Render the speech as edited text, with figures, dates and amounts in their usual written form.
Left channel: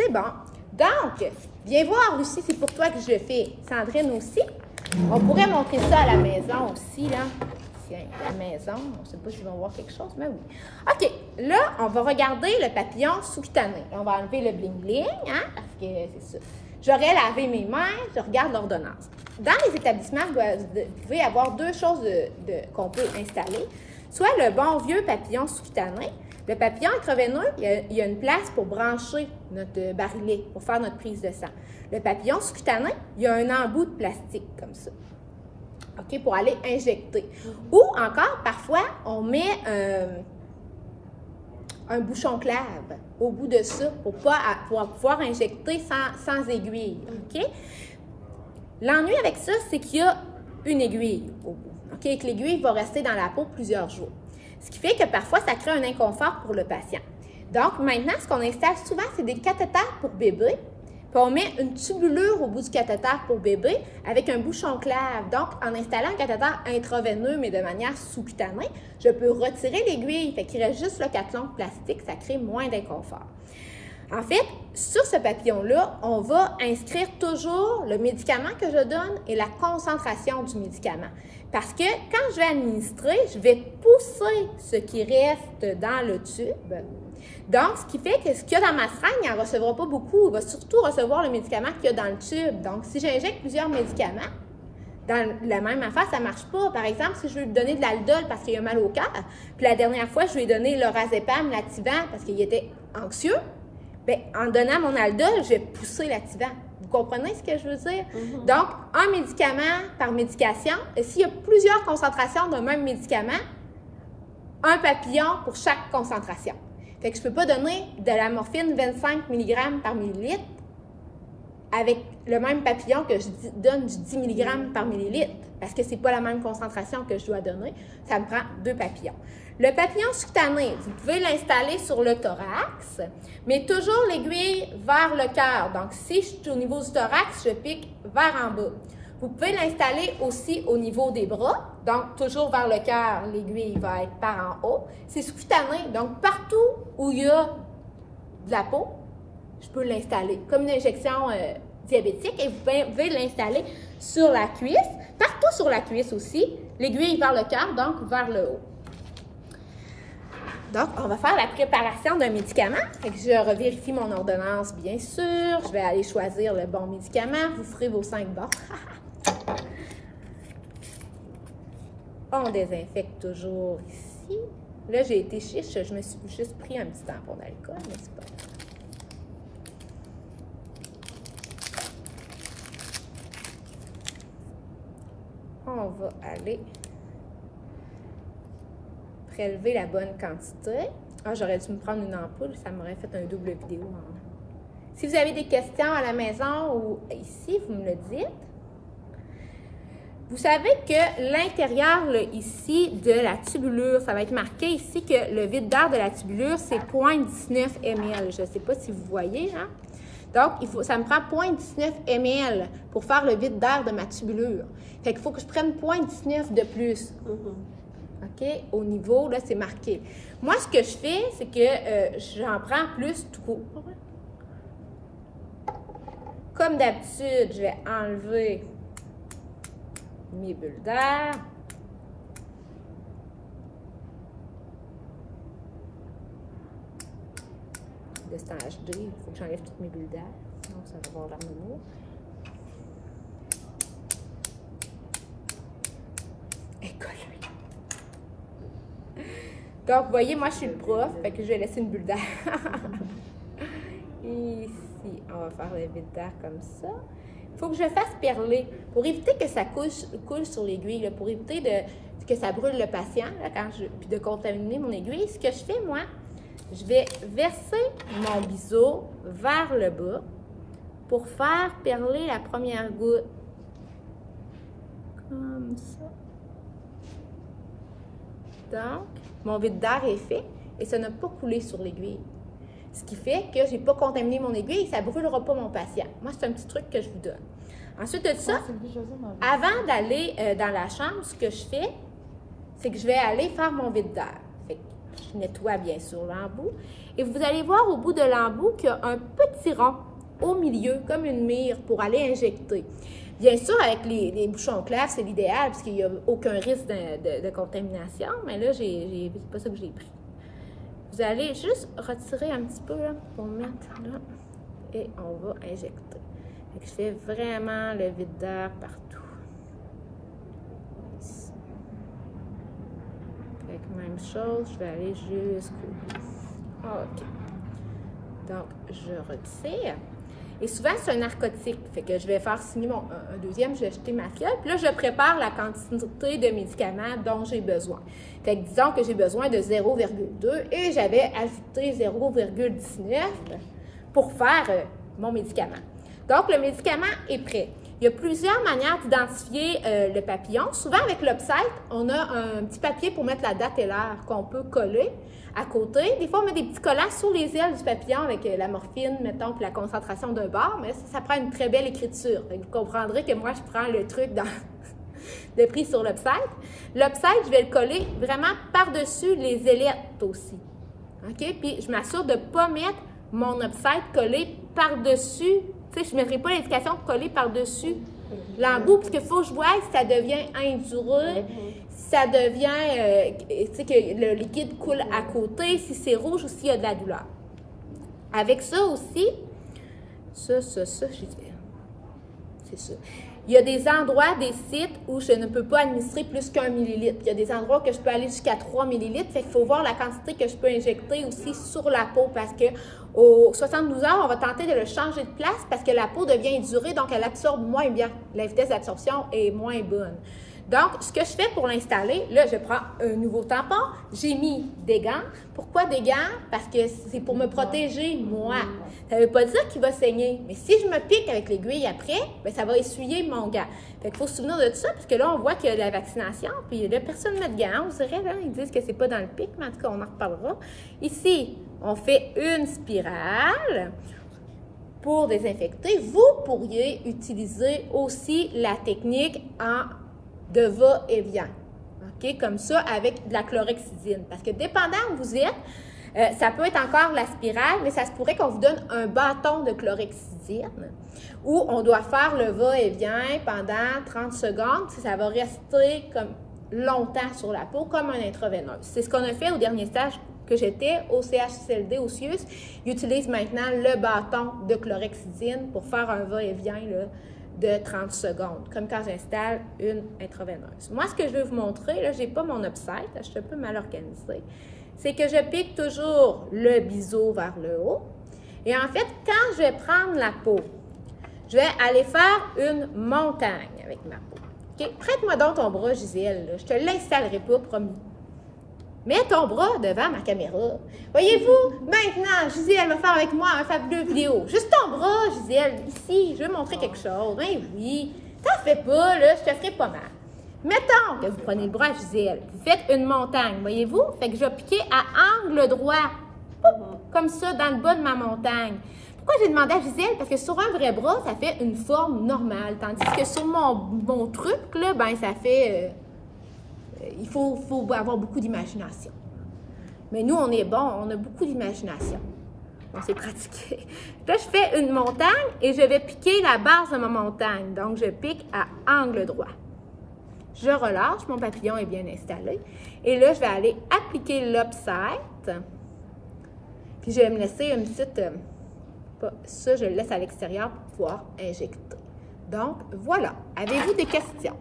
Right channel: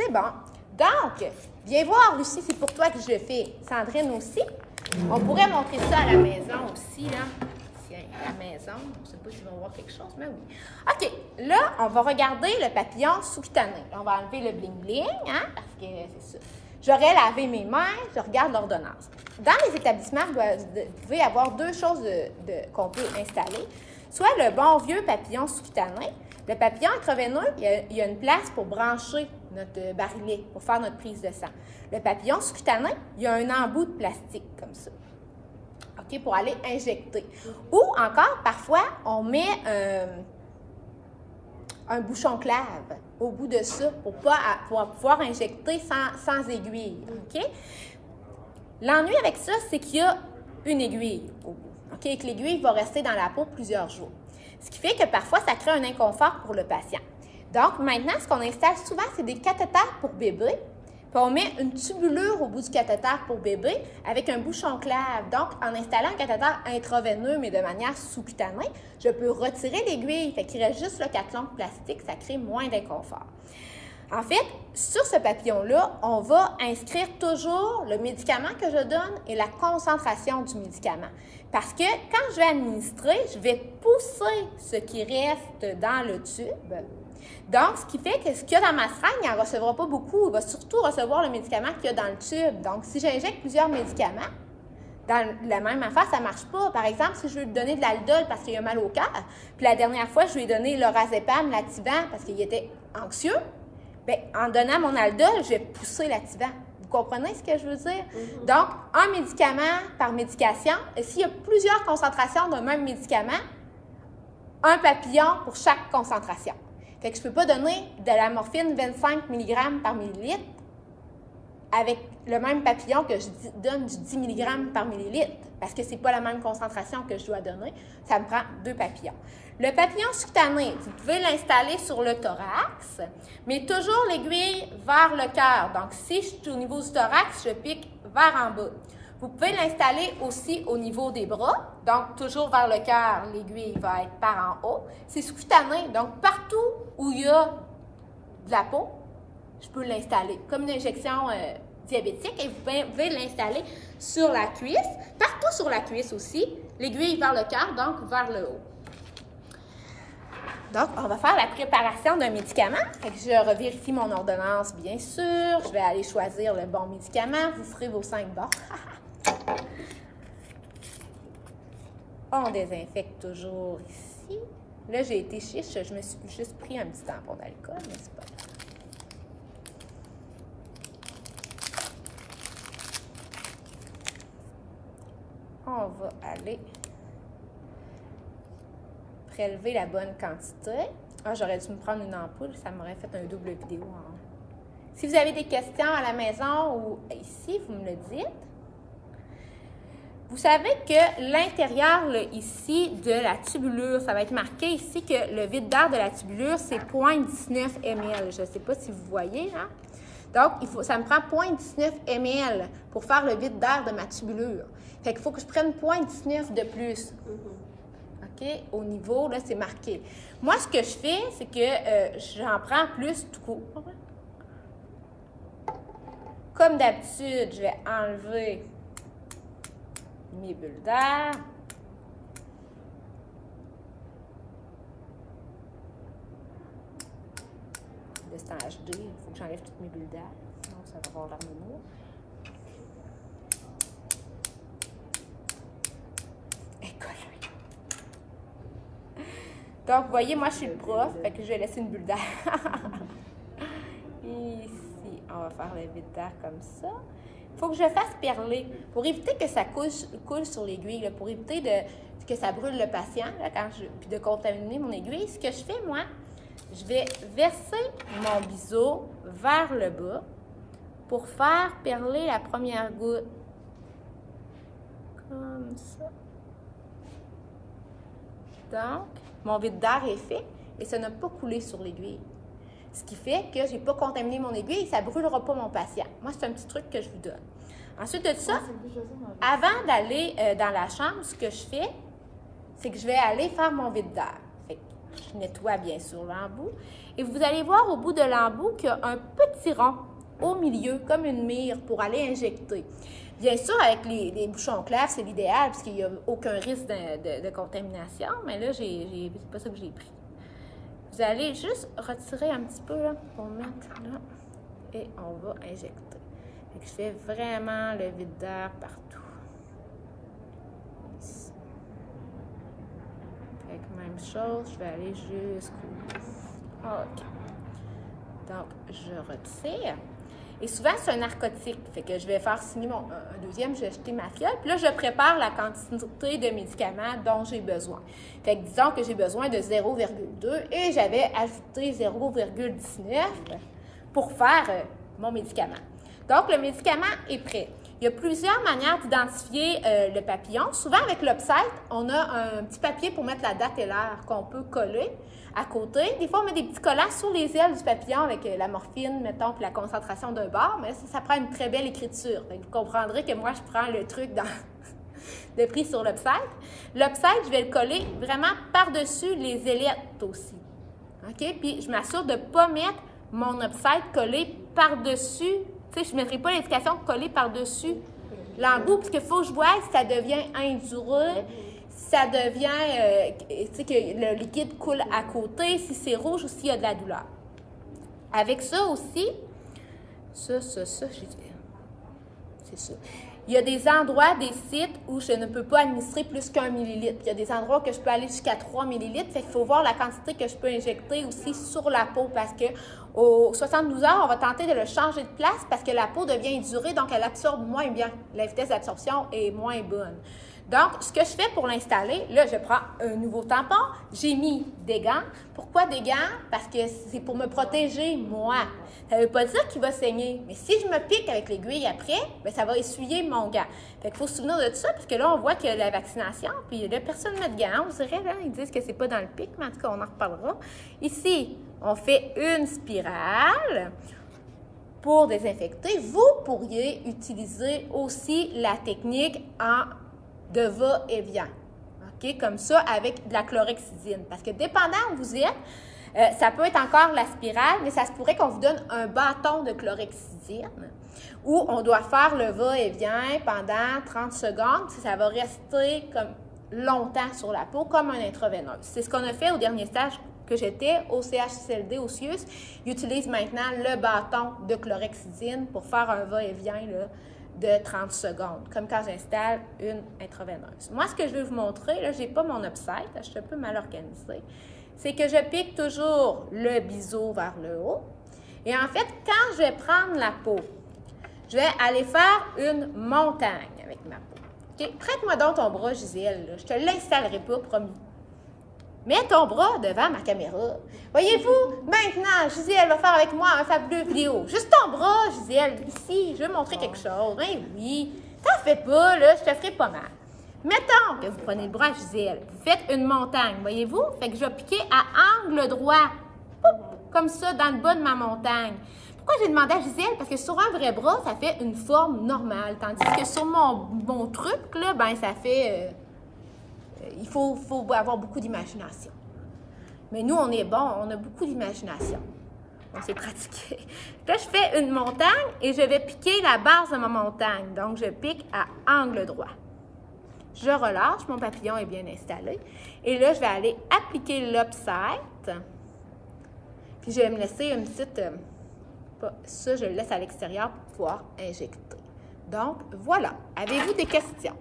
C'est bon. Donc, viens voir aussi, c'est pour toi que je le fais. Sandrine aussi. On pourrait montrer ça à la maison aussi, là. Tiens, la maison. Je ne sais pas si vont voir quelque chose, mais oui. OK, là, on va regarder le papillon sous-cutané. On va enlever le bling-bling, hein, parce que c'est ça. J'aurais lavé mes mains, je regarde l'ordonnance. Dans les établissements, vous pouvez avoir deux choses qu'on peut installer. Soit le bon vieux papillon sous-cutané. Le papillon intraveineux, il y a une place pour brancher notre barillet, pour faire notre prise de sang. Le papillon sous-cutané, il y a un embout de plastique comme ça. OK, pour aller injecter. Ou encore, parfois, on met un bouchon clave au bout de ça pour pouvoir injecter sans aiguille. OK? L'ennui avec ça, c'est qu'il y a une aiguille au bout. OK? Et que l'aiguille va rester dans la peau plusieurs jours. Ce qui fait que parfois, ça crée un inconfort pour le patient. Donc, maintenant, ce qu'on installe souvent, c'est des cathéters pour bébé. Puis on met une tubulure au bout du cathéter pour bébé avec un bouchon clave. Donc, en installant un cathéter intraveineux, mais de manière sous-cutanée, je peux retirer l'aiguille. Fait qu'il reste juste le cathlon plastique, ça crée moins d'inconfort. En fait, sur ce papillon-là, on va inscrire toujours le médicament que je donne et la concentration du médicament. Parce que quand je vais administrer, je vais pousser ce qui reste dans le tube. Donc, ce qui fait que ce qu'il y a dans ma seringue, il n'en recevra pas beaucoup. Il va surtout recevoir le médicament qu'il y a dans le tube. Donc, si j'injecte plusieurs médicaments, dans la même affaire, ça ne marche pas. Par exemple, si je veux lui donner de l'aldol parce qu'il a mal au cœur, puis la dernière fois, je lui ai donné l'orazépam, l'Ativan, parce qu'il était anxieux, bien, en donnant mon aldol, je vais pousser l'Ativan. Vous comprenez ce que je veux dire? Donc, un médicament par médication, et s'il y a plusieurs concentrations d'un même médicament, un papillon pour chaque concentration. Fait que je ne peux pas donner de la morphine 25 mg par millilitre avec le même papillon que je donne du 10 mg par millilitre, parce que ce n'est pas la même concentration que je dois donner. Ça me prend 2 papillons. Le papillon sous-cutané, vous pouvez l'installer sur le thorax, mais toujours l'aiguille vers le cœur. Donc, si je suis au niveau du thorax, je pique vers en bas. Vous pouvez l'installer aussi au niveau des bras, donc toujours vers le cœur, l'aiguille va être par en haut. C'est sous-cutané, donc partout où il y a de la peau, je peux l'installer comme une injection diabétique et vous pouvez l'installer sur la cuisse, partout sur la cuisse aussi, l'aiguille vers le cœur, donc vers le haut. Donc, on va faire la préparation d'un médicament. Fait que je revérifie mon ordonnance, bien sûr. Je vais aller choisir le bon médicament. Vous ferez vos 5 bons. On désinfecte toujours ici. Là, j'ai été chiche. Je me suis juste pris un petit tampon d'alcool, mais c'est pas grave. On va aller prélever la bonne quantité. Ah, j'aurais dû me prendre une ampoule, ça m'aurait fait un double vidéo. Hein. Si vous avez des questions à la maison ou ici, vous me le dites. Vous savez que l'intérieur, ici, de la tubulure, ça va être marqué ici que le vide d'air de la tubulure, c'est 0,19 ml. Je ne sais pas si vous voyez, hein? Donc, ça me prend 0,19 ml pour faire le vide d'air de ma tubulure. Fait qu'il faut que je prenne 0,19 de plus. OK? Au niveau, là, c'est marqué. Moi, ce que je fais, c'est que j'en prends plus tout court. Comme d'habitude, je vais enlever mes bulles d'air. De ce temps HD, il faut que j'enlève toutes mes bulles d'air. Sinon, ça va avoir l'harmonie. Donc, vous voyez, moi, je suis le prof, fait que je vais laisser une bulle d'air. Ici, on va faire le vide d'air comme ça. Il faut que je fasse perler pour éviter que ça coule sur l'aiguille, pour éviter que ça brûle le patient, là, puis de contaminer mon aiguille. Ce que je fais, moi, je vais verser mon biseau vers le bas pour faire perler la première goutte. Comme ça. Donc, mon vide d'air est fait et ça n'a pas coulé sur l'aiguille. Ce qui fait que je n'ai pas contaminé mon aiguille et ça ne brûlera pas mon patient. Moi, c'est un petit truc que je vous donne. Ensuite de ça, avant d'aller dans la chambre, ce que je fais, c'est que je vais aller faire mon vide d'air. Je nettoie bien sûr l'embout Et vous allez voir au bout de l'embout qu'il y a un petit rond au milieu, comme une mire, pour aller injecter. Bien sûr, avec les bouchons clairs, c'est l'idéal, parce qu'il n'y a aucun risque de contamination, mais là, c'est pas ça que j'ai pris. Vous allez juste retirer un petit peu, là, pour mettre là, et on va injecter. Donc, je fais vraiment le vide d'air partout. Ici. Fait que même chose, je vais aller jusqu'au bout. OK. Donc, je retire. Et souvent, c'est un narcotique. Fait que je vais faire signer un deuxième, je vais jeter ma fiole. Puis là, je prépare la quantité de médicaments dont j'ai besoin. Fait que disons que j'ai besoin de 0,2 et j'avais ajouté 0,19 pour faire mon médicament. Donc, le médicament est prêt. Il y a plusieurs manières d'identifier le papillon. Souvent, avec l'Upsite, on a un petit papier pour mettre la date et l'heure qu'on peut coller à côté. Des fois, on met des petits collants sur les ailes du papillon avec la morphine, mettons, puis la concentration d'un bar, mais ça prend une très belle écriture. Fait que vous comprendrez que moi, je prends le truc de prix sur l'Upsite. L'Upsite, je vais le coller vraiment par-dessus les ailettes aussi. OK? Puis, je m'assure de ne pas mettre mon Upsite collé par-dessus. Tu sais, je ne mettrai pas l'indication collée par-dessus l'embout, parce qu'il faut que je voie si ça devient indureux, ça devient, tu sais, que le liquide coule à côté, si c'est rouge ou s'il y a de la douleur. Avec ça aussi, c'est ça. Il y a des endroits, des sites où je ne peux pas administrer plus qu'1 millilitre. Il y a des endroits que je peux aller jusqu'à 3 millilitres. Fait qu'il faut voir la quantité que je peux injecter aussi sur la peau parce que aux 72 heures, on va tenter de le changer de place parce que la peau devient indurée, donc elle absorbe moins bien. La vitesse d'absorption est moins bonne. Donc, ce que je fais pour l'installer, là, je prends un nouveau tampon. J'ai mis des gants. Pourquoi des gants? Parce que c'est pour me protéger, moi. Ça ne veut pas dire qu'il va saigner, mais si je me pique avec l'aiguille après, bien, ça va essuyer mon gant. Fait qu'il faut se souvenir de ça, parce que là, on voit qu'il y a la vaccination, puis là, personne ne met de gants, on dirait, là, ils disent que c'est pas dans le pic, mais en tout cas, on en reparlera. Ici, on fait une spirale pour désinfecter. Vous pourriez utiliser aussi la technique de va-et-vient, OK? Comme ça, avec de la chlorhexidine, parce que dépendant où vous êtes, ça peut être encore la spirale, mais ça se pourrait qu'on vous donne un bâton de chlorhexidine où on doit faire le va-et-vient pendant 30 secondes. Ça va rester comme longtemps sur la peau, comme un intraveineux. C'est ce qu'on a fait au dernier stage que j'étais au CHSLD au CIUS. Ils utilisent maintenant le bâton de chlorhexidine pour faire un va-et-vient de 30 secondes, comme quand j'installe une intraveineuse. Moi, ce que je vais vous montrer, là, je n'ai pas mon Upsite, je suis un peu mal organisée, c'est que je pique toujours le biseau vers le haut. Et en fait, quand je vais prendre la peau, je vais aller faire une montagne avec ma peau. Okay? Prête-moi donc ton bras, Gisèle. Là. Je te l'installerai pas, promis. Mets ton bras devant ma caméra. Voyez-vous, maintenant, Gisèle va faire avec moi un fabuleux vidéo. Juste ton bras, Gisèle, ici, je vais montrer quelque chose. Ben oui, t'en fais pas, là, je te ferai pas mal. Mettons que vous prenez le bras à Gisèle, vous faites une montagne, voyez-vous? Fait que je vais piquer à angle droit, comme ça, dans le bas de ma montagne. Pourquoi j'ai demandé à Gisèle? Parce que sur un vrai bras, ça fait une forme normale, tandis que sur mon truc, là, ben ça fait... il faut avoir beaucoup d'imagination. Mais nous, on est bon, on a beaucoup d'imagination. On s'est pratiqué. Là, je fais une montagne et je vais piquer la base de ma montagne. Donc, je pique à angle droit. Je relâche, mon papillon est bien installé. Et là, je vais aller appliquer l'Upsite. Puis, je vais me laisser une petite... ça, je le laisse à l'extérieur pour pouvoir injecter. Donc, voilà. Avez-vous des questions?